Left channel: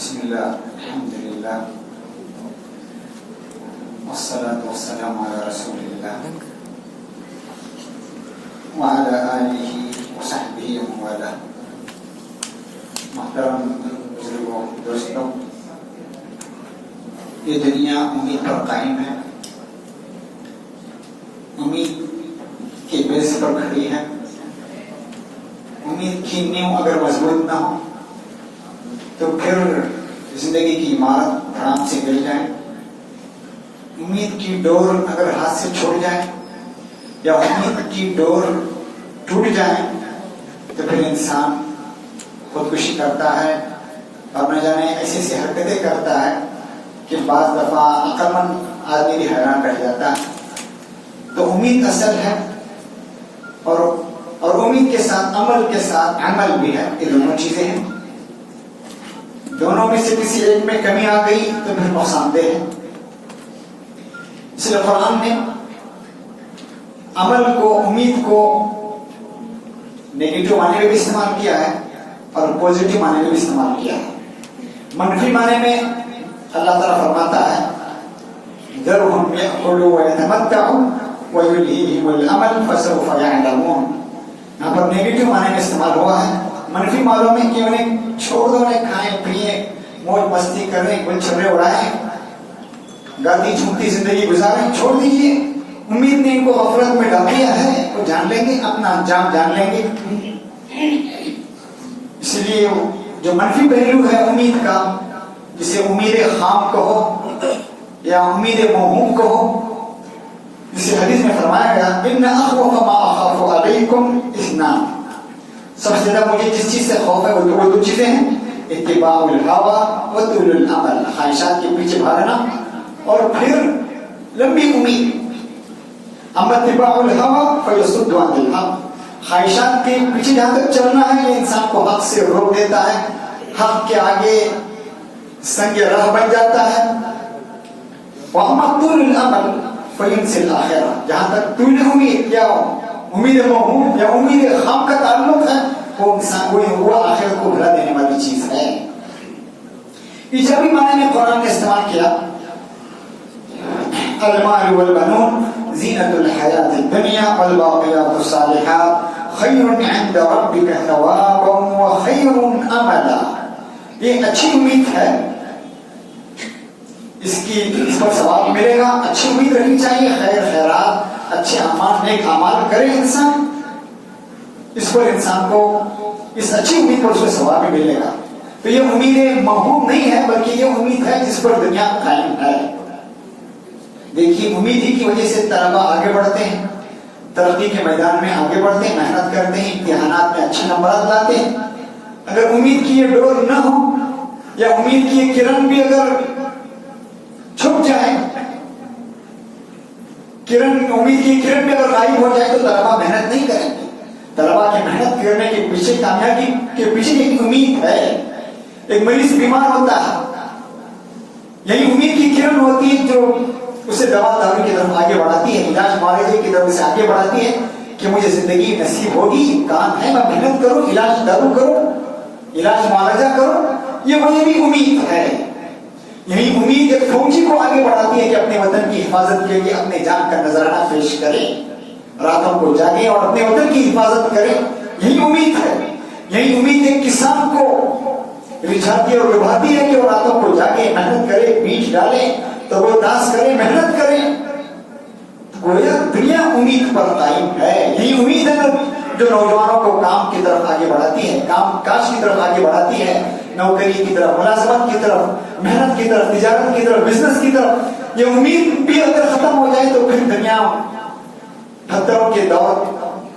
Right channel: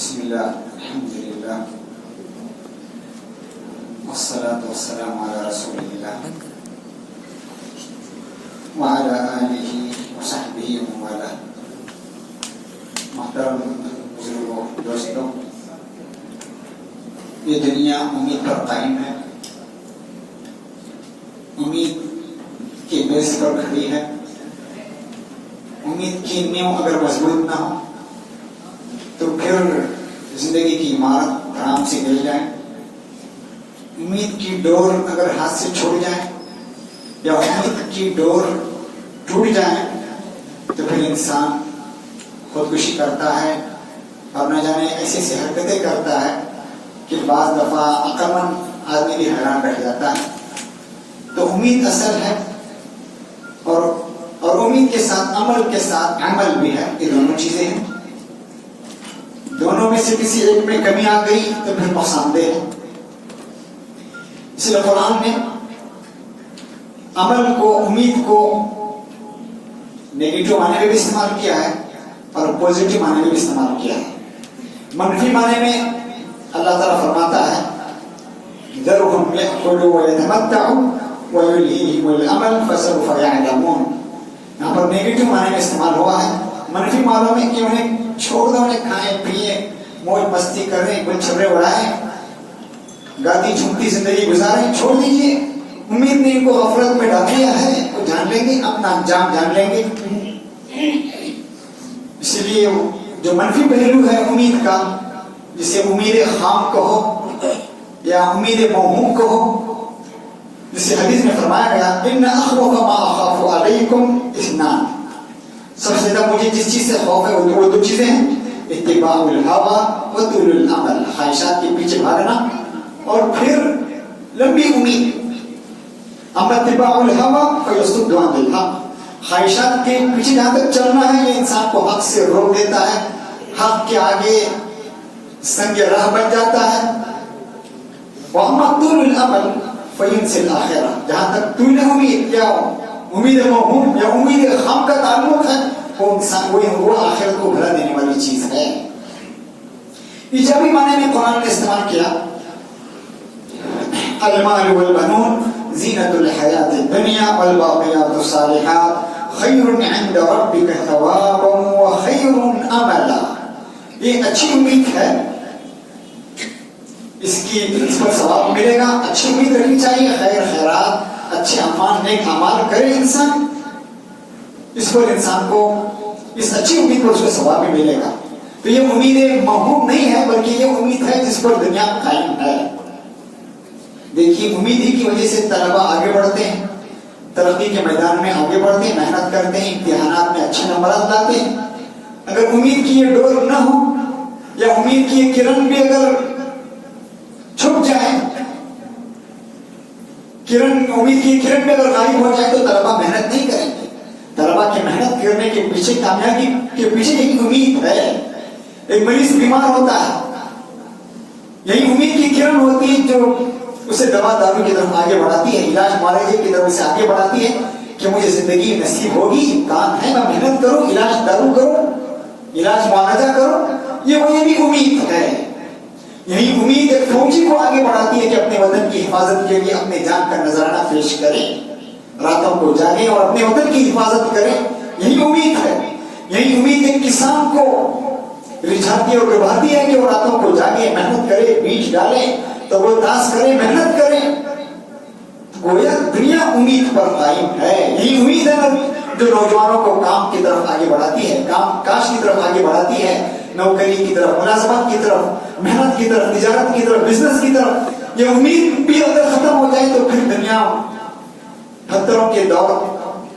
بسم الله الحمد لله والصلاة والسلام على رسول الله وعلى آله وصحبه ومن والاه. محترم بزرگوں دوستوں، یہ دنیا امید پر قائم ہے، امید کی بیس پر کھڑی ہے. امید کی نیو اگر مضبوط نہ ہو تو پھر زندگی کی عمارت آرام سے گر جائے. امید کی ڈور اگر ہاتھ سے چھوڑ جائے یا امید کی ڈور ٹوٹ جائے تو پھر انسان خودکشی کرتا ہے اور نہ جانے ایسی ایسی حرکتیں کرتا ہے کہ بعض دفعہ عقل مند آدمی بھی حیران رہ جاتا ہے. تو امید اصل ہے اور امید کے ساتھ عمل کے ساتھ عمل بھی ہے. یہ دونوں چیزیں ہیں، دونوں میں سے کسی ایک میں کمی آ گئی تو پھر نقصان دہ ہے. اس لیے قرآن نے عمل کو، امید کو نیگیٹو معنی میں بھی استعمال کیا ہے اور پوزیٹو معنی میں بھی استعمال کیا ہے. منفی معنی میں اللہ تعالیٰ فرماتا ہے ذرهم يأكلوا ويتمتعوا ويلهيهم الأمل فسوف يعلمون. یہاں پر نیگیٹو معنی میں استعمال ہوا ہے. منفی معنوں میں کہ انہیں چھوڑ دو، انہیں کھائیں پیئیں، موج مستی کریں، گل چھرے اڑائیں، گاتی جھومتی زندگی گزاریں، چھوڑ دیجیے. امید نے ان کو غفلت میں ڈال دیا ہے، وہ جان لیں گے، اپنا انجام جان لیں گے. اس لیے جو منفی پہلو ہے امید کا، جسے امید خام کہو یا امید موہوم کہو، جسے حدیث میں فرمایا گیا ان اخوف ما اخاف علیکم اثنان، سب سے زیادہ مجھے جس چیز سے خوف ہے وہ دو چیزیں ہیں، اتباع الہوی و طول الامل، خواہشات کے پیچھے بھاگنا اور پھر لمبی امید. اما اتباع الہوی فیصد عن الحق، خواہشات کے پیچھے جہاں تک چلنا ہے یہ انسان کو حق سے روک دیتا ہے، حق کے آگے سنگ راہ بن جاتا ہے. واما طول الامل فینسی الاخرہ، جہاں تک طول امید یا امید موہوم یا امید خام کا تعلق ہے وہ انسان وہ آخرت کو بھلا دینے والی چیز ہے. ایجابی معنی میں قرآن نے استعمال کیا المال والبنون زینت الحیات الدنیا والباقیات الصالحات خیر عند ربک ثوابا وخیر املا. یہ اچھی امید ہے، اس پر ثواب ملے گا. اچھی امید رکھنی چاہیے، خیر خیرات، اچھے اعمال، نیک اعمال کرے انسان، اس پر انسان کو اس اچھی امید پر اس کو ثواب بھی ملے گا. تو یہ امید موہوم نہیں ہے بلکہ یہ امید ہے جس پر دنیا قائم ہے. دیکھیے امید ہی کی وجہ سے طلبا آگے بڑھتے ہیں، ترقی کے میدان میں آگے بڑھتے ہیں، محنت کرتے ہیں، امتحانات میں اچھے نمبرات لاتے ہیں. اگر امید کی یہ ڈور نہ ہو یا امید کی یہ کرن بھی اگر چھپ جائے، امید کی کرن میں اگر غائب ہو جائے تو طلبا محنت نہیں کریں گے. طلبا کی محنت کرنے کے پیچھے، کامیابی کے پیچھے ایک امید ہے. ایک مریض بیمار ہوتا ہے، یہی امید کی کرن ہوتی ہے جو اسے دوا دارو کی طرف آگے بڑھاتی ہے، علاج معالجے کی طرف سے آگے بڑھاتی ہے کہ مجھے زندگی نصیب ہوگی، کام ہے، میں محنت کروں، علاج دارو کروں، علاج معالجہ کروں. یہ بھی امید ہے. یہی امید ایک فوجی کو آگے بڑھاتی ہے کہ اپنے وطن کی حفاظت کے لیے اپنے جان کا نذرانہ پیش کرے، راتوں کو جاگے اور اپنے وطن کی حفاظت کرے. یہی امید ہے. یہی امید ایک کسان کو رجھاتی اور لبھاتی ہے کہ وہ راتوں کو جاگے، محنت کرے، بیج ڈالے تو وہ داس کرے، محنت کرے. گویا دنیا امید پر قائم ہے. یہی امید ہے جو نوجوانوں کو کام کی طرف آگے بڑھاتی ہے، کام کاج کی طرف آگے بڑھاتی ہے، نوکری کی طرف، ملازمت کی طرف، محنت کی طرف، تجارت کی طرف، بزنس کی طرف. یہ امید بھی اگر ختم ہو جائے تو پھر دنیا پتھروں کے دور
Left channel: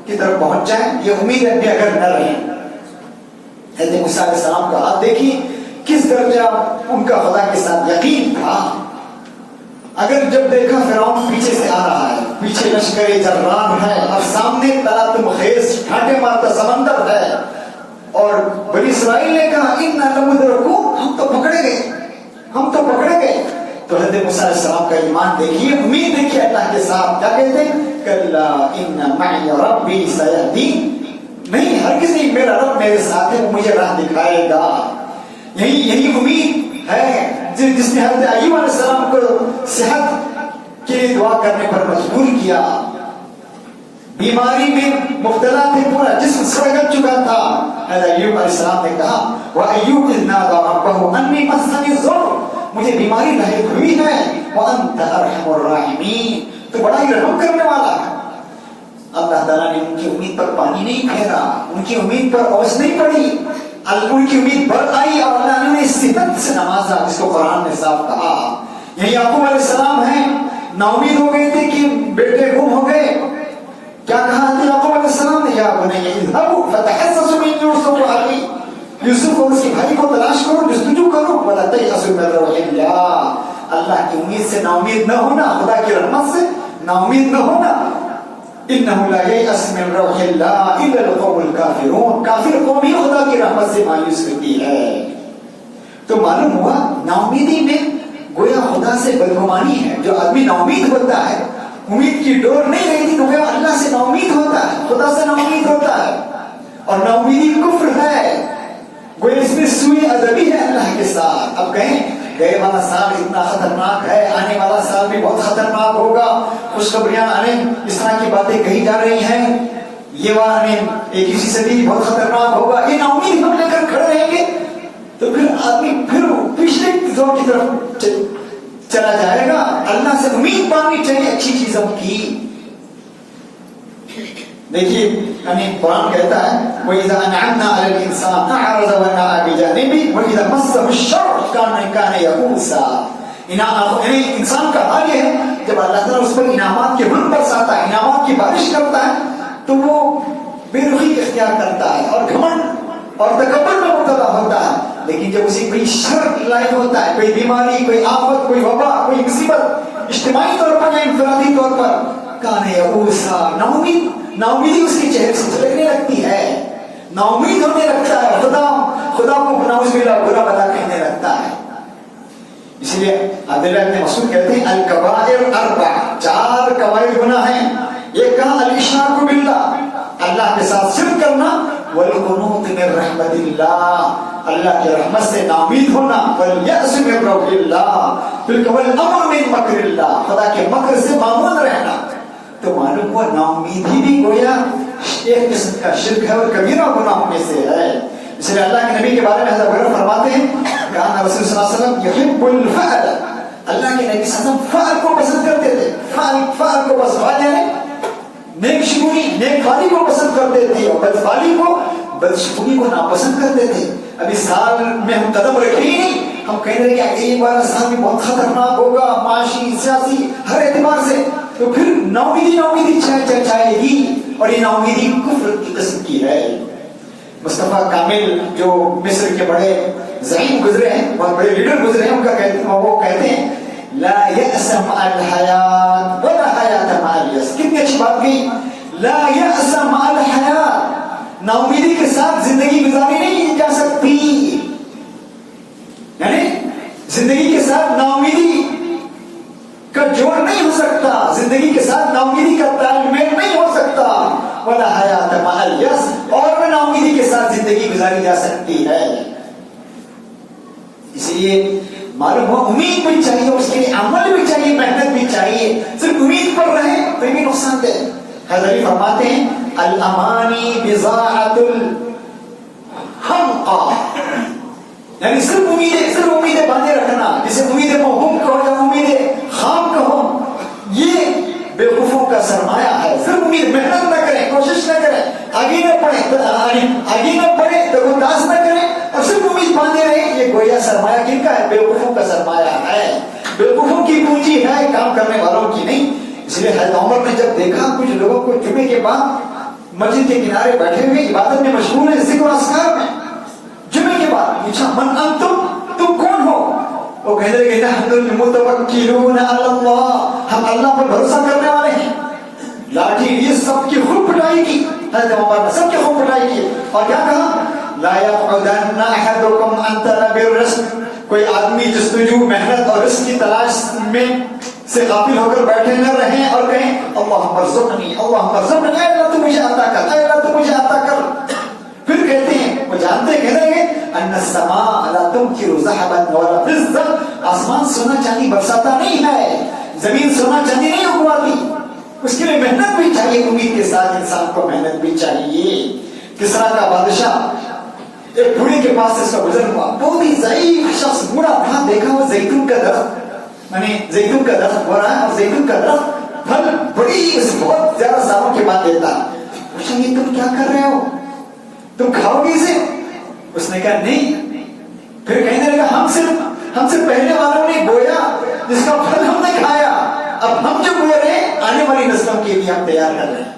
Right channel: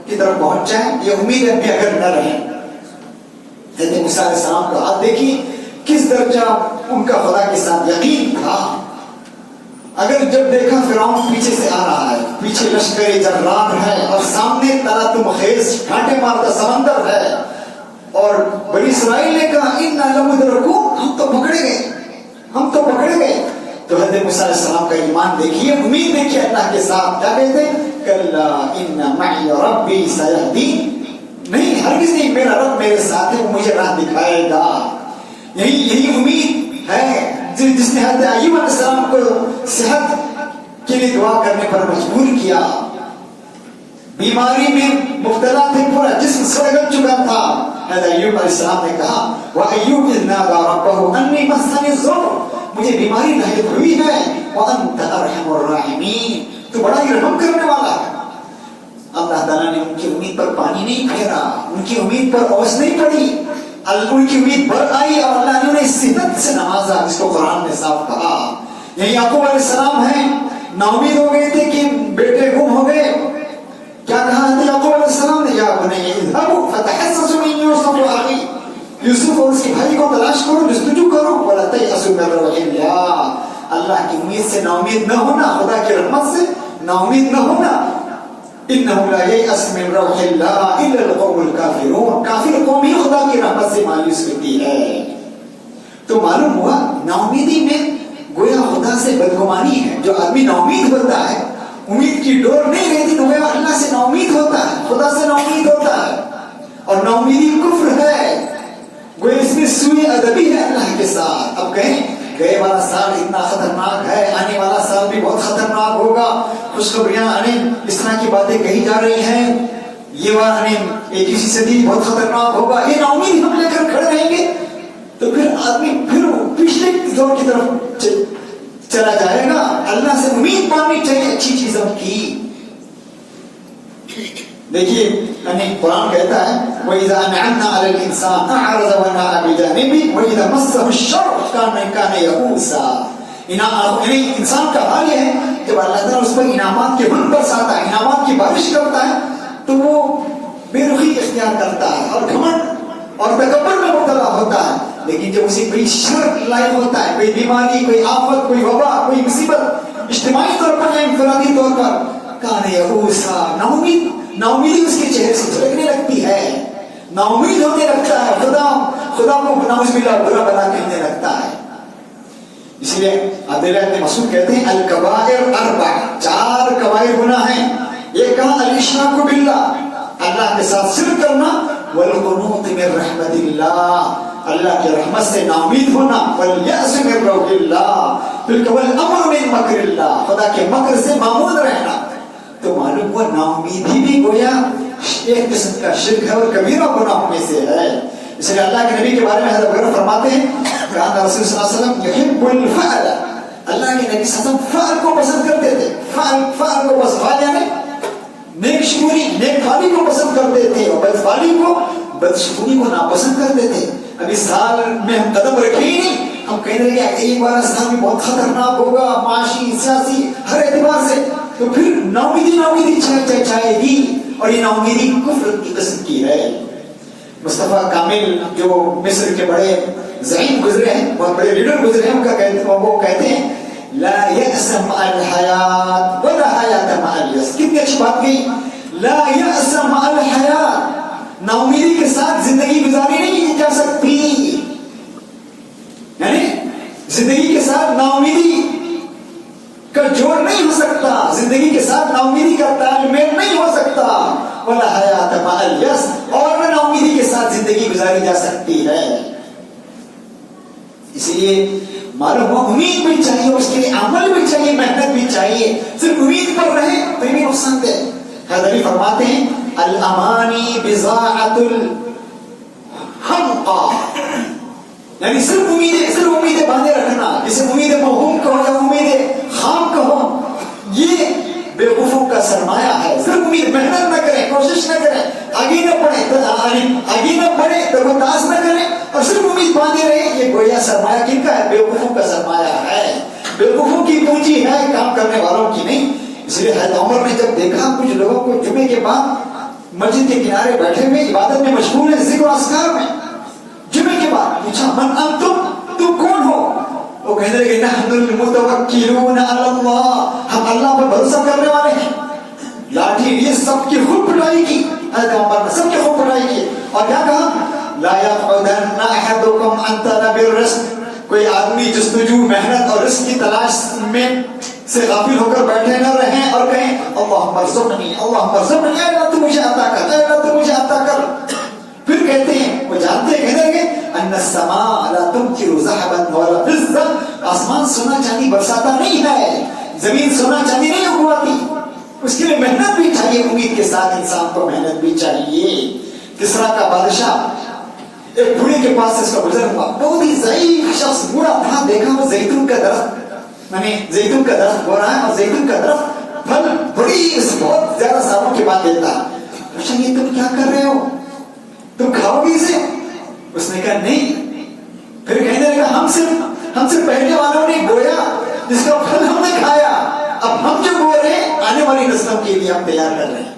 کی طرف پہنچ جائے. یہ امید بھی اگر نہ رہے. حضرت موسیٰ علیہ السلام کا آپ دیکھیے کس درجہ ان کا خدا کے ساتھ یقین تھا. اگر جب دیکھا فرعون پیچھے سے آ رہا ہے، پیچھے لشکر جرار ہے اور سامنے تلاتم خیز کانٹے مارتا سمندر ہے، اور بنی اسرائیل نے کہا اِنَّا لَمُدْرَكُونَ، ہم تو پکڑے گئے. تو حضرت موسیٰ علیہ السلام کا ایمان دیکھیے، امید دیکھیے اللہ کے ساتھ. کیا کہتے ہیں؟ کَلَّا إِنَّ مَعِيَ رَبِّي سَيَهْدِينِ، نہیں ہرگز نہیں، میرا رب میرے ساتھ ہے، وہ مجھے راہ دکھائے گا. یہی امید ہے جس نے حضرت ایوب علیہ السلام کو صحت کے لیے دعا کرنے پر مجبور کیا. بیماری میں مبتلا تھے, پورا جسم سڑ چکا تھا. حضرت ایوب علیہ السلام نے کہا وَأَيُّوبُ إِذْ نَادَىٰ رَبَّهُ أَنِّي مَسَّنِي الضُّرُّ, مجھے بیماری لاحق ہوئی ہے. وَأَنْتَ أَرْحَمُ الرَّاحِمِينَ, تو بڑا ہی رحم کرنے والا ہے. اللہ تعالیٰ نے ان کی امید پر پانی نہیں پھیرا, ان کی امید پر اوس نہیں پڑی, ان کی امید بڑھ آئی اور اللہ نے انہیں صحت سے نوازا, جس کو قرآن نے صاف کہا. یہی یعقوب علیہ السلام ہیں, نا امید ہو گئے تھے کہ بیٹے گم ہو گئے. کیا کہا تھا یعقوب علیہ السلام نے, یا بنی اذهبوا فتحسسوا من یوسف واخیہ, یوسف اور اس کے بھائی کو تلاش کرو, جستجو کرو. ولا تیأسوا من روح اللہ, اللہ کی امید سے نا امید نہ ہونا, خدا کی رحمت سے نا امید نہ ہونا. انه لا ييأس من روح الله الا القوم الكافرون, کافر قوم ہی خدا کی رحمت سے مایوس ہوتی ہے. تو معلوم ہوا نا امیدی میں گویا خدا سے بدگمانی ہے. جو آدمی نا امید ہوتا ہے, امید کی ڈور نہیں رہتی, تو گویا اللہ سے نا امید ہوتا ہے, خدا سے نا امید ہوتا ہے. اور نا امیدی کفر ہے, گویا اس میں سوء ادبی ہے اللہ کے ساتھ. اب کہیں گئے والا سال اتنا خطرناک ہے, آنے والا سال بھی بہت خطرناک ہوگا, خوشخبریاں اس طرح کی باتیں کہی جا رہی ہیں, یہ والا 21 صدی بہت خطرناک ہوگا, یہ نا امیدی ہم لے کر کھڑے رہیں گے تو پھر آدمی پھر پچھلے دور کی طرف چلا جائے گا. اللہ سے امید پانی چاہیے اچھی چیزوں کی. دیکھیے قرآن کہتا ہے وَإِذَا أَنْعَمْنَا عَلَى الْإِنسَانِ أَعْرَضَ وَنَأَىٰ بِجَانِبِهِ وَإِذَا مَسَّهُ الشَّرُّ كَانَ يَئُوسًا. انسان کا حال یہ ہے جب اللہ تعالیٰ اس پر انعامات کے بن برساتا ہے, انعامات کی بارش کرتا ہے, تو وہ بے رخی اختیار کرتا ہے اور گھمنڈ اور تکبر میں مبتلا ہوتا ہے. لیکن جب اسے کوئی شر لاحق ہوتا ہے, کوئی بیماری, کوئی آفت, کوئی وبا, کوئی مصیبت, اجتماعی طور پر یا انفرادی طور پر, کان یئوسا, نا امیدی اس کے چہرے سے جھلکنے لگتی ہے, نا امید ہونے لگتا ہے, خدا کو نعوذ باللہ برا بلا کہنے لگتا ہے. اس لیے عبداللہ ابن مسعود کہتے ہیں الکبائر اربع, 4 کبائر گناہ ہیں. یہ کہا الاشراک باللہ, اللہ کے ساتھ شرک کرنا, والقنوط من رحمت اللہ, اللہ کی رحمت سے نا امید ہونا, والیأس من روح اللہ, والامر من مکر اللہ, خدا کے مکر سے معمون رہنا. تو معلوم ہوا نا امیدی بھی گویا ایک قسم کا شرک ہے اور کبیرہ گناہوں میں سے ہے. اس لیے اللہ کے نبی کے بارے میں حضرت ابو ہریرہ فرماتے ہیں کان رسول صلی اللہ علیہ وسلم یحب الفعل, اللہ کے نبی صلی اللہ علیہ وسلم فعل کو پسند کرتے تھے. فعل کو پسند, یعنی نیک شکوری, نیک فالی کو پسند کرتے تھے, اور بدفالی کو, بدشکوری کو ناپسند کرتے تھے. ابھی سال میں ہم قدم رکھے ہی نہیں, ہم کہہ رہے ہیں کہ یہ بار سال بھی بہت خطرناک ہوگا, معاشی, سیاسی, ہر اعتبار سے. تو پھر نا امیدی چھائے گی, اور یہ نا امیدی کفر کی قسم کی ہے. مصطفیٰ کامل جو مصر کے بڑے زعیم گزرے ہیں, بہت بڑے لیڈر گزرے ہیں, ان کا وہ کہتے ہیں لا یأس مع الحیات ولا حیات مع الیأس. کتنی اچھی بات کہی, لا یأس مع الحیات, نا امیدی کے ساتھ زندگی گزاری نہیں جا سکتی. یعنی زندگی کے ساتھ نا امیدی کا جوڑ نہیں ہو سکتا, زندگی کے ساتھ نا امیدی کا تال میل نہیں ہو سکتا. ولا حیات مع الیأس, اور نا امیدی کے ساتھ زندگی گزاری جا سکتی ہے. اس لیے معلوم ہوا امید بھی چاہیے, اس کے لیے عمل بھی چاہیے, محنت بھی چاہیے. صرف امید پر رہے تو یہ نقصان دہ. حضرت فرماتے ہیں الامانی بضاعۃ الحمقى, یعنی صرف امیدیں باندھے رکھنا, جسے امید موہوم کہو یا امید خام کہو, یہ بے وقوفوں کا سرمایہ ہے. صرف امید, محنت نہ کریں, کوشش نہ کریں, آگے نہ بڑھیں, تربیت نہ کریں, اور صرف امید باندھے رہے, یہ گویا سرمایہ کن کا ہے؟ بے وقوفوں کا سرمایہ ہے. بے وقوفوں کی پونجی ہے, کام کرنے والوں کی نہیں. اس لیے حضرت عمر نے جب دیکھا کچھ لوگوں کو جمعے کے بعد مسجد کے کنارے بیٹھے ہوئے عبادت میں مشغول ہیں, ذکر و اذکار میں, جمعے کے بعد پوچھا من انتم, تم کون ہو؟ وہ کہنے لگے نحن المتوکلون علی اللہ, ہم اللہ پر بھروسہ کرنے والے ہیں. لاٹھی یہ سب کی خوب پٹائی کی, حضرت عمر نے سب کی خوب پٹائی کی, اور کیا کہا لا يقعدن احدكم عن طلب الرزق, کوئی آدمی جستجو, محنت اور رزق کی تلاش میں سے غافل ہو کر بیٹھے نہ رہیں اور کہیں اللہم ارزقنی, اللہم ارزقنی, اے اللہ تو مجھے عطا کر, اے اللہ تو مجھے عطا کر. پھر کہتے ہیں, وہ جانتے کہنے لگے ان السماء لا تمطر ذهبا ولا فضة، آسمان سونا چاندی برساتا نہیں ہے، زمین سونا چاندی نہیں اگواتی، اس کے لیے محنت بھی چاہیے، امید کے ساتھ انسان کو محنت بھی چاہیے۔ کسرا کا بادشاہ ایک بوڑھے کے پاس سے اس کا گزر ہوا، بہت ہی ضعیف شخص بوڑھا تھا، دیکھا وہ زیتون کا درخت، یعنی زیتون کا درخت ہو رہا ہے اور زیتون کا درخت پھل بڑی بہت زیادہ سالوں کے بعد دیتا ہے۔ پوچھا یہ تم کیا کر رہے ہو، تم کھاؤ گے اسے؟ اس نے کہا نہیں۔ پھر کہنے لگا ہم سے پہلے والوں نے بویا جس کا پھل ہم نے کھایا، اب ہم جو بو رہے ہیں آنے والی نسلوں کے لیے ہم تیار کر رہے ہیں۔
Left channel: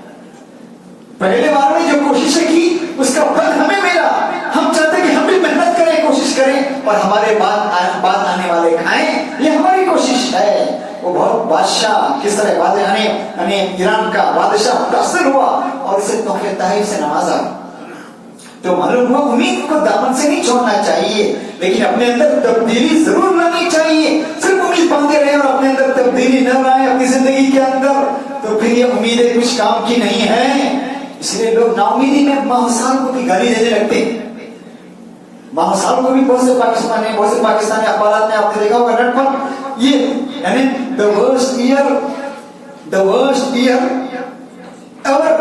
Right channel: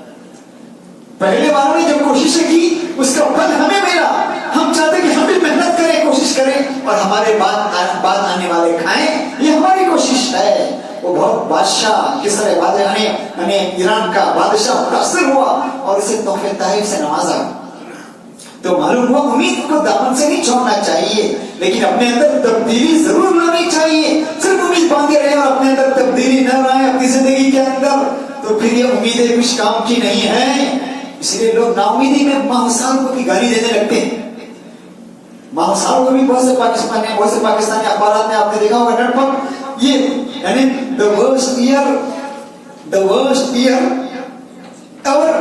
پہلے والوں نے جو کوششیں کی اس کا پھل ہمیں ملا، ہم چاہتے کہ ہم بھی محنت کریں، کوشش کریں اور ہمارے بعد آنے والے کھائیں، یہ ہماری کوشش ہے۔ وہ بہت بادشاہ کس طرح بادشاہ یعنی ایران کا بادشاہ متاثر ہوا اور اسے تحفے تحائف سے نوازا۔ تو معلوم ہوا امید کو دامن سے نہیں چھوڑنا چاہیے، لیکن اپنے اندر تبدیلی ضرور لانی چاہیے۔ صرف امید باندھے رہے اور اپنے اندر تبدیلی نہ لائے اپنی زندگی کے اندر تو پھر یہ امیدیں کچھ کام کی نہیں ہیں۔ اس لیے لوگ نا امیدی میں ماہ سال کو بھی گالی دینے لگتے ہیں۔ ماہ سال کو بھی بہت سے پاکستانی اخبارات میں آپ نے دیکھا ہوگا نیٹ پر، یہ یعنی the worst year ever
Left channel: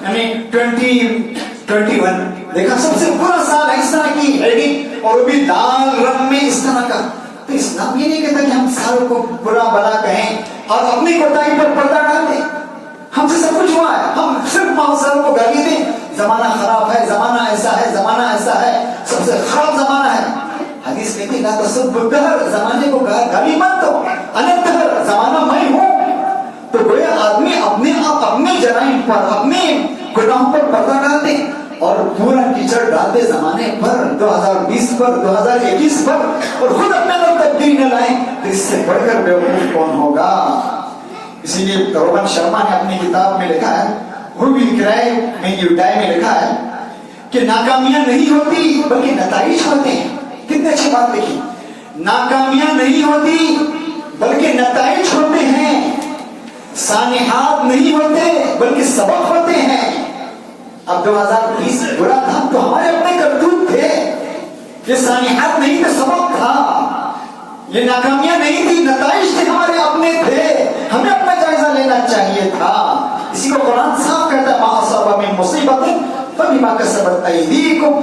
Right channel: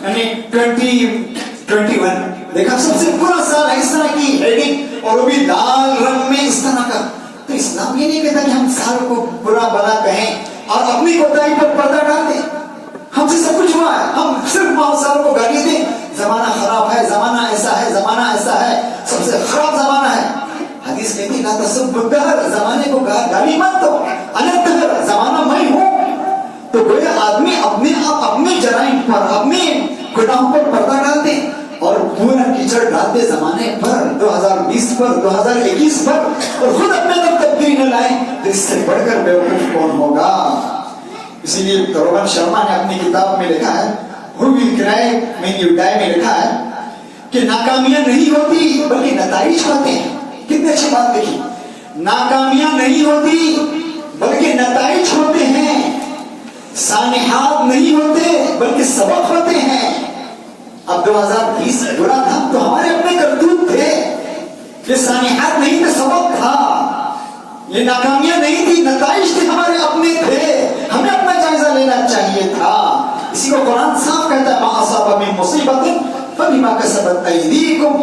یعنی 2021 دیکھا سب سے برا سال ہے، اس طرح کی ہیڈنگ اور وہ بھی لال رنگ میں اس طرح کا۔ تو اسلام یہ نہیں کہتا کہ ہم سال کو برا بلا کہیں اور اپنی کوتاہی پر پردہ ڈال دیں۔ ہم سے سب کچھ ہوا ہے، ہم صرف ماہ سال کو گالی دیں، زمانہ خراب ہے، زمانہ ایسا ہے، زمانہ ایسا ہے، سب سے خراب زمانہ ہے۔ حدیث کہتی ہے لا تسبوا الدہر، زمانے کو گالی مت دو، انا الدہر، زمانہ میں ہوں۔ تو گویا آدمی اپنے جرائم پر، اپنے گناہوں پر پردہ ڈال دے اور پورا کیچڑ ڈال دے زمانے پر، 2020 پر، 2021 پر، اور خود اپنے اندر تبدیلی نہ لائیں تو اس سے بڑھ کر بیوقوف کون ہوگا۔ اسی لیے روہن شرما نے اپنی کتاب میں لکھا ہے Who will cry when you die میں لکھا ہے کہ ناکامیاں نہیں ہوتی بلکہ نتائج ہوتے ہیں۔ کتنے اچھی بات دیکھی، ناکامیاں نہیں ہوتی بلکہ نتائج ہوتے ہیں، سانحات نہیں ہوتے بلکہ سبق ہوتے ہیں۔ اب 2020 برا تھا تو ہمارے اپنے کرتوت تھے، یہ سانحات نہیں تھے، سبق تھا، یہ ناکامیاں نہیں تھی، نتائج تھے، ہمارے اپنے تھے، ہمیں اپنا جائزہ لینا چاہیے تھا۔ اسی کو قرآن صاف کہتا ہے ما اصاب من مصیبت فبما کسبت ایدیکم۔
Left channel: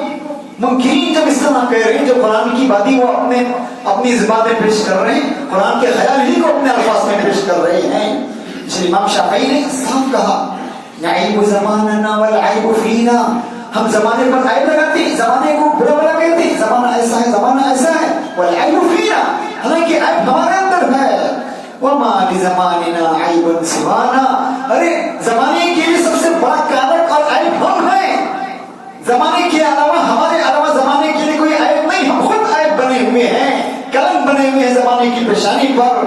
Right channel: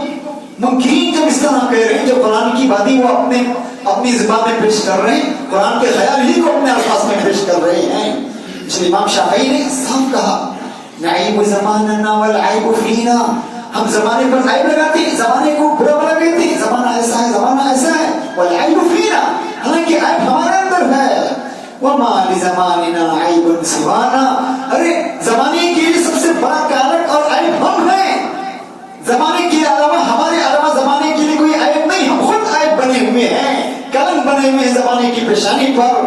منکرین جب اس طرح کہہ رہے ہیں، جو قرآن کی باتیں وہ اپنی زبان میں پیش کر رہے ہیں، قرآن کے خیال ہی کو اپنے الفاظ میں پیش کر رہے ہیں۔ اس لیے امام شافعی نے صاف کہا نعیب زماننا والعیب فینا، ہم زمانے پر عیب لگاتے ہیں، زمانے کو برا بلا کہتے ہیں، زمانہ ایسا ہے، زمانہ ایسا ہے، والعیب فینا، حالانکہ عیب ہمارے اندر ہے۔ وما لزماننا عیب سوانا، ارے زمانے کے لیے سب سے بڑا کارک اور عیب ہم ہیں، زمانے کے علاوہ، ہمارے علاوہ زمانے کے لیے کوئی عیب نہیں، ہم خود عیب بنے ہوئے ہیں، کلنک بنے ہوئے ہیں زمانے کی پیشانی پر۔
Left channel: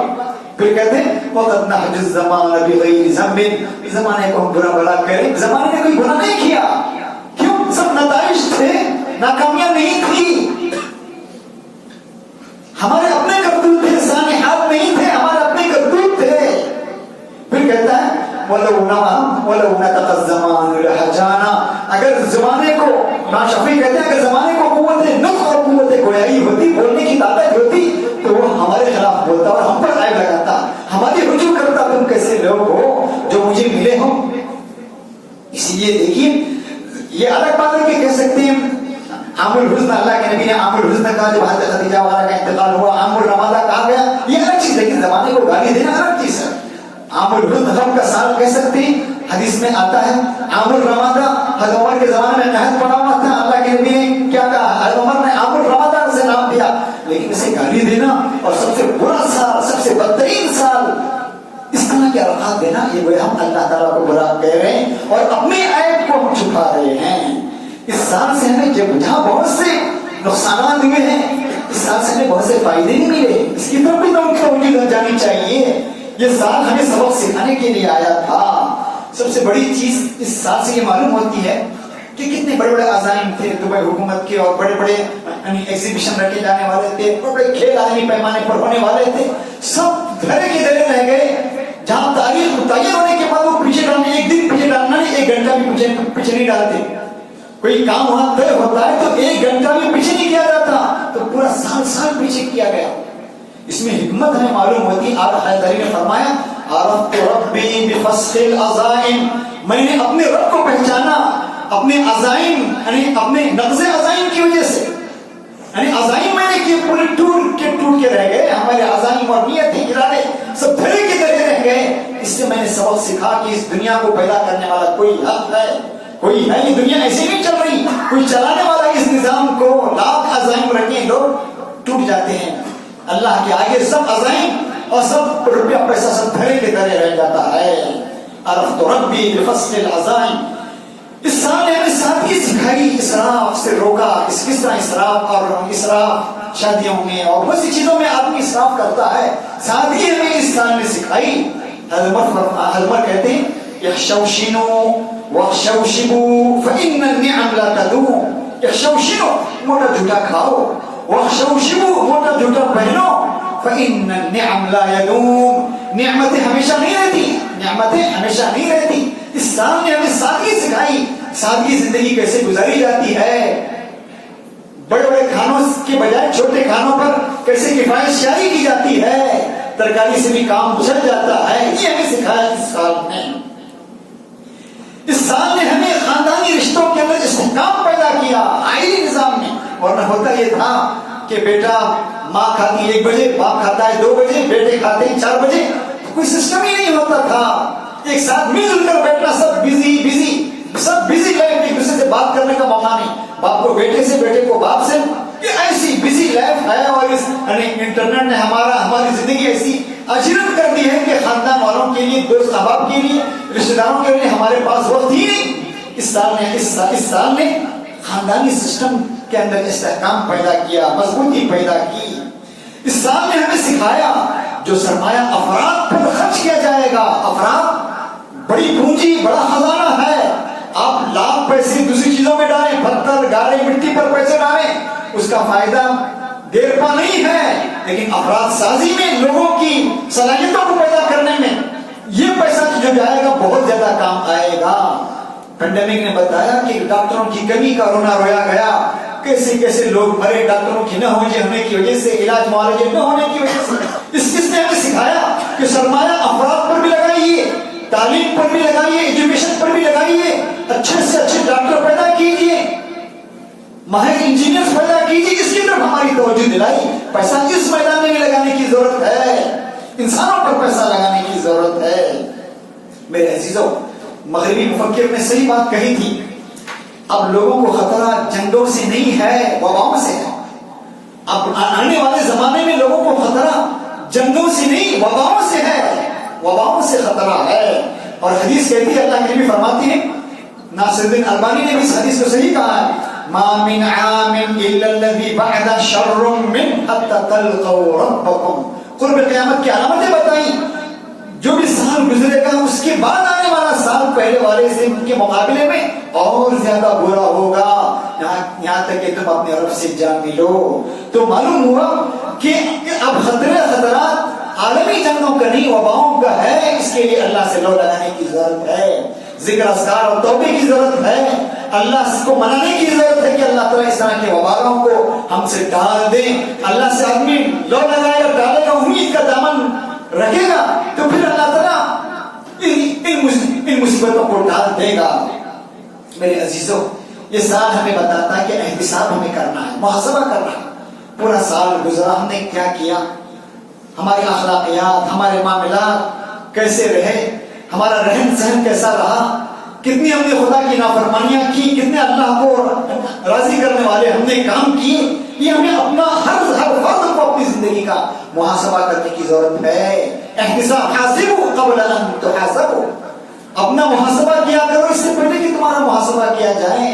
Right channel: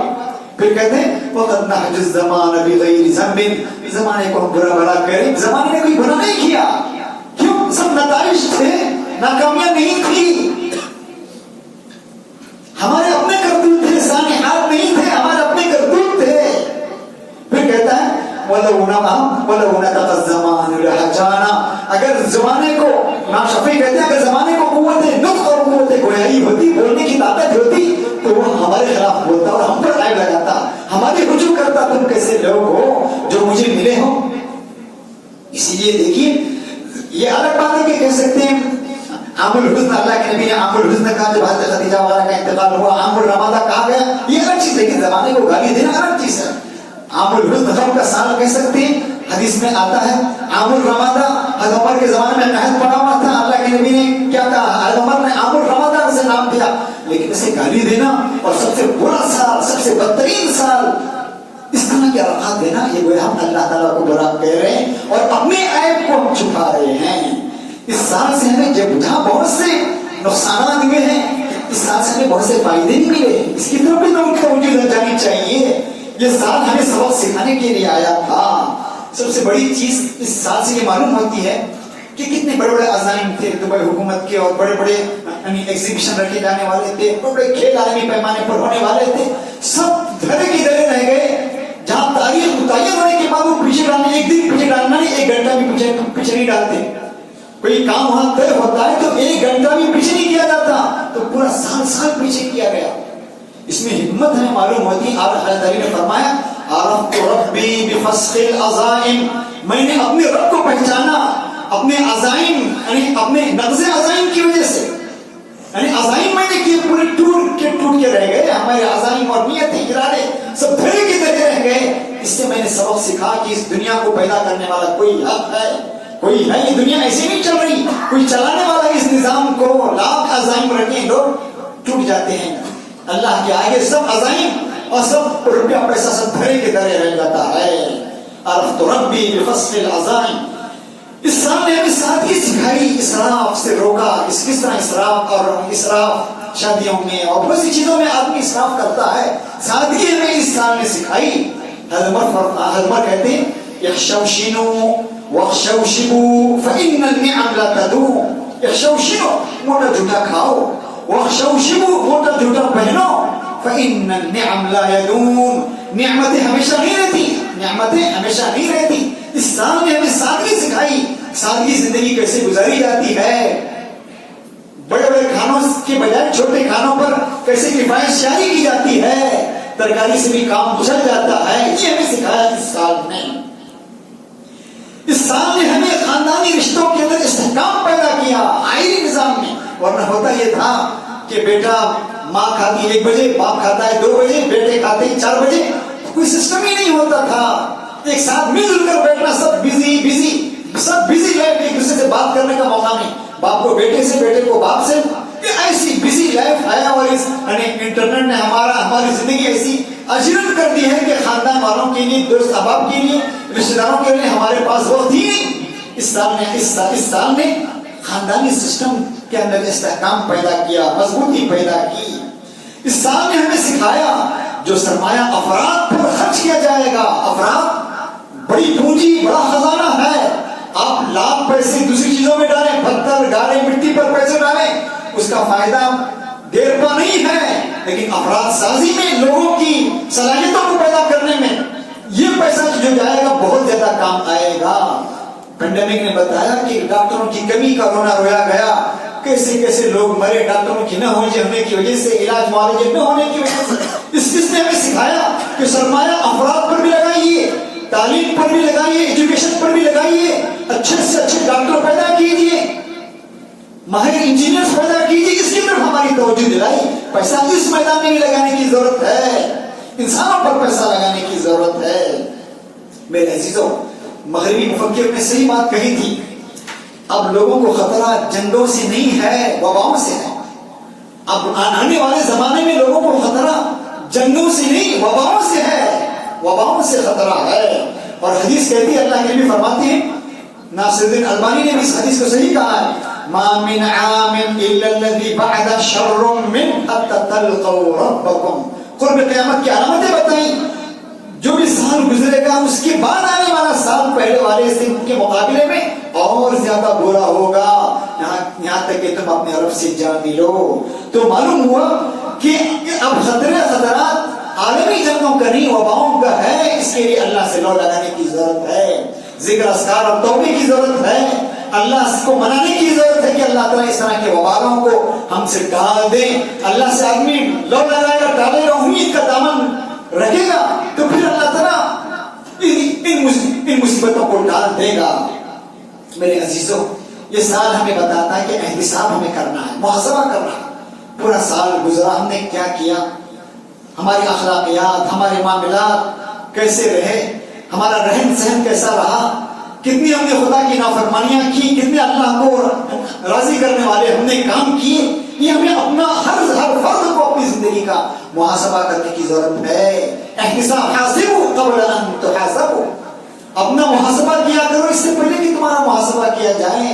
پھر کہتے ہیں وَقَدْ نَحْجِ الزَّمَانَ بِغَيْرِ ذَنْبٍ، زمانے کو ہم برا بلا کریں، زمانے نے کوئی برا نہیں کیا، کیوں؟ سب نتائج تھے، ناکامیاں نہیں تھی، ہمارے اپنے کرتوت تھے، سانحات نہیں تھے، ہمارے اپنے کرتوت تھے۔ پھر کہتا ہے وَلَوْ نَتَقَ الزَّمَانُ لَحَجَانَا، اگر زمانے کو، امام شافعی کہتے ہیں اگر زمانے کو قوت نطق اور قوت گویائی ہوتی، بولنے کی طاقت ہوتی تو وہ ہمارے خلاف بولتا اور ہم پر عیب لگاتا، ہماری رجوع کرتا، تم کیسے لوگ ہو جو مجھے ملے ہو۔ اسی لیے دیکھیے یہ الگ بات ہے کہ کہہ سکتے ہیں عام الحزن، اللہ کے نبی نے عام الحزن کہا جب حضرت خدیجہ والا کا انتقال ہوا، عام الرمادہ کہا گیا، یہ الگ چیز، لیکن زمانے کو گالی دینا الگ چیز ہے۔ عام الحزن غم کا سال کہہ سکتے ہیں، حدیث میں آتا ہے عام الرمادہ، حضرت عمر کے زمانے میں مہد پڑا ہوا تھا، اللہ کے نبی نے کیا کہا، حضرت عمر نے عام الرمادہ سے نام دیا، لیکن اسے گالی دینا اور سب سے برا سال، سب سے بدترین سال، اس طرح کے الفاظ دینا، یہ وہ ہم اللہ تعالیٰ کو برا کہہ رہے ہیں اور اپنے عیب کو ہم چھپا رہے ہیں۔ اس سال سے ہمیں جہاں بہت سے نقصانات ہوئے ہیں، اس سال سے ہمیں بہت سے فائدے نہیں ملے، اس کی طرف بھی توجہ جانی چاہیے۔ یہ سال ہمیں سبق سکھانے کے لیے آیا تھا۔ سب سے بڑی چیز اس سال سے یہ معلوم ہوتی ہے کہ کتنے بڑے بڑے عزائم تھے دبئی حکومت کے، اور بڑے بڑے ایگزیبیشن رکھے جانے والے تھے، بڑے بڑے کھیل عالمی پیمانے پر ہونے والے تھے، سب دھرے کے دھرے رہ گئے۔ جہاں تاریخ متعین ہونے کے بعد وہ پیچھے ڈالنے، ایک دن پیچھے ڈالنا نہیں، ایک گھنٹہ بھی پیچھے نہیں ڈالتے۔ کوئی کام وہاں طے ہوتا ہے تو ایک گھنٹہ بھی پیچھے نہیں کیا جاتا۔ تو پورا سال سال پیچھے کیا گیا. اس میں حکمت ہمیں معلوم ہوتی. آپ حضرت نے فرمایا عرفت ربی بفسخ العزائم، میں نے اپنے رب کو پہچانا اپنے عزائم یعنی اپنے نقض عزائم کی وجہ سے. یعنی عزائم میں نے کیے پورے ٹوٹ کے رہ گئے. ہمارے عزائم اور نیتیں ارادے سب دھرے کے دھرے رہ گئے. اس سے میں نے سبق سیکھا کہ اس دنیا کو پیدا کرنے والا کوئی حق ہے، کوئی ہے. یہ دنیا ایسے نہیں چل رہی. کوئی چلانے والا اس نظام کو لاکھ عزائم رکھیں لوگ ٹوٹ جاتے ہیں. اللہ کے آگے سب عزائم اور سب روپیہ پیسہ سب دھرے کے دھرے رہ جاتا ہے. عرفت ربی بفسخ العزائم. اس سال نے ہمیں سادگی سکھائی، اسراف سے روکا. کس طرح اسراف شادیوں میں اور بہت سی چیزوں میں آدمی اسراف کرتا ہے. سادگی ہمیں اس سال نے سکھائی. حضرت کہتے ہیں یخشوشنوا واخشوشبوا فإن النعم لا تدوم. یخشوشنوا موٹا جھوٹا کھاؤ، واخشوشبوا موٹا جھوٹا پہنو، فإن النعم لا يدوم. نعمتیں ہمیشہ نہیں رہتی، نعمتیں ہمیشہ نہیں رہتی. اس سال نے ہمیں سادگی سکھائی. سادگی زندگی کیسے گزاری جاتی ہے. بڑے بڑے کھانوں کے بجائے چھوٹے کھانوں پر کیسے کفایت شاعری کی جاتی ہے. ترکاری سے بھی کام چل جاتا ہے. یہ ہمیں سکھایا اس سال نے. اس سال نے ہمیں خاندانی رشتوں کے اندر استحکام پیدا کیا آئینی نظام میں. ورنہ ہوتا یہ تھا کہ بیٹا ماں کھاتی 1 بجے، باپ کھاتا ہے 2 بجے، بیٹے کھاتے 4 بجے. کوئی سسٹم ہی نہیں ہوتا تھا. ایک ساتھ مل جل کر بیٹھنا، سب بزی لائف، ایک دوسرے سے بات کرنے کا موقع نہیں. باپ کو بیٹے سے، بیٹے کو باپ سے. یہ ایسی بزی لائف ہے. اور اس انٹرنیٹ نے ہماری زندگی ایسی اجرت کر دی ہے کہ خاندان والوں کے لیے، دوست احباب کے لیے، رشتے داروں کے لیے ہمارے پاس وقت ہی نہیں. اس سال نے خاندانی سسٹم کے اندر استحکام پیدا کیا، مضبوطی پیدا کی. اس سال نے ہمیں سکھایا جو سرمایہ افراد پر خرچ کیا جائے گا. افراد بڑی پونجی، بڑا خزانہ ہے. آپ لاکھ پیسے دوسری چیزوں میں ڈالیں، پتھر گارے مٹی پر پیسے ڈالیں، اس کا فائدہ دیر پا نہیں ہے. لیکن افراد سازی میں، لوگوں کی صلاحیتوں کو پیدا کرنے میں یہ پیسہ جو جائے گا بہت زیادہ کام آئے گا. پینڈیمک نے بتایا کہ ڈاکٹروں کی کمی کا رویا گیا. کیسے لوگ مرے ڈاکٹروں کی نہ ہونے کی وجہ سے، علاج معالجے نہ ہونے کی وجہ سے. اس نے ہمیں سکھایا کہ سرمایہ افراد پر بھی لگائیے، تعلیم پر بھی لگائیے، ایجوکیشن پر بھی لگائیے. اچھے سے اچھے ڈاکٹر پیدا کیجیے، ماہر انجینئر پیدا کیجیے. اس کی طرف ہماری توجہ دلائی. پیسہ اس میدان میں بھی لگانے کی ضرورت ہے. انسانوں پر پیسہ لگانے کی ضرورت ہے. میرے عزیزوں، مغربی مفکر نے صحیح بات کہی تھی. اب لوگوں کو خطرہ جنگوں سے نہیں ہے، وباؤں سے ہے. اب آنے والے زمانے میں لوگوں کو خطرہ جنگوں سے نہیں، وباؤں سے ہے. وباؤں سے خطرہ ہے. اور حدیث کہتی ہے، اللہ کے نبی فرماتے ہیں، ناصر الدین البانی نے بھی اس حدیث کو صحیح کہا ہے، ما من عام الا الذي بعد شر من حتى تلقوا ربكم. قرب قیامت کی علامتیں بتائیں. جو بھی سال گزرے گا اس کے بعد آنے والا سال پہلے والے سے کے مقابلے میں اور زیادہ برا ہوگا. یہاں تک کہ تم اپنے رب سے جا ملو. تو معلوم ہوا کہ اب خطرات عالمی جنگوں کا نہیں، وباؤں کا ہے. اس کے لیے اللہ سے لو لگانے کی ضرورت ہے، ذکر اذکار اور توبے کی ضرورت ہے. اللہ کو منانے کی ضرورت ہے کہ اللہ تعالیٰ اس طرح کے وبالوں کو ہم سے ٹال دیں. اللہ سے آدمی لو لگائے گا، ٹالے گا، امید کا دامن رکھے گا، تو پھر اللہ تعالیٰ ان مصیبتوں کو ٹال دے گا. میرے عزیزوں، یہ سال ہمیں بتاتا ہے کہ احتساب ہمیں کرنا ہے، محاسبہ کرنا ہے. پورا سال گزرا، ہم نے کیا کیا، ہماری اخلاقیات، ہمارے معاملات کیسے رہے، ہمارا رہن سہن کیسا رہا، کتنی ہم نے خدا کی نافرمانیاں کی، کتنے اللہ کو راضی کرنے والے ہم نے کام کیے. یہ ہمیں اپنا ہر فرد کو اپنی زندگی کا محاسبہ کرنے کی ضرورت ہے. احتساب، حاسبوا قبل ان تحاسبوا. اپنا محاسبہ کیا کرو اس سے پہلے کہ تمہارا محاسبہ کیا جائے.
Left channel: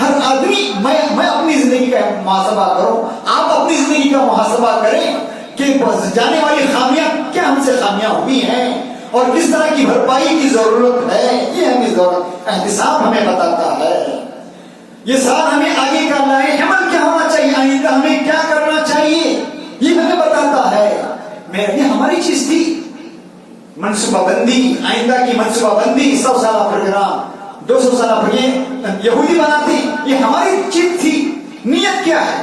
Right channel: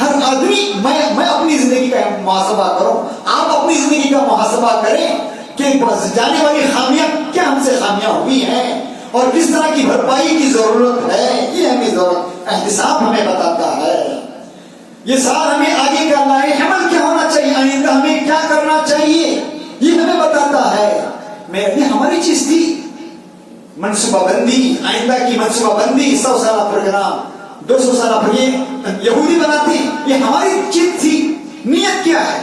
ہر آدمی میں اپنی زندگی کا محاسبہ کروں، آپ اپنی زندگی کا محاسبہ کریں کہ جانے والی خامیاں کیا ہم سے خامیاں ہوئی ہیں اور کس طرح کی بھرپائی کی ضرورت ہے. یہ ہمیں ضرورت، احتساب ہمیں بتاتا ہے. یہ سال ہمیں آگے کا لائے عمل کیا ہونا چاہیے، آئندہ ہمیں کیا کرنا چاہیے، یہ ہمیں بتاتا ہے. یہ ہماری چیز تھی، منصوبہ بندی، آئندہ کی منصوبہ بندی، 100 سالہ پروگرام، 200 سالہ پروگرام یہودی بناتے، یہ ہماری چیز تھی. نیت کیا ہے؟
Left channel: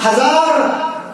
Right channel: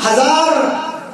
1000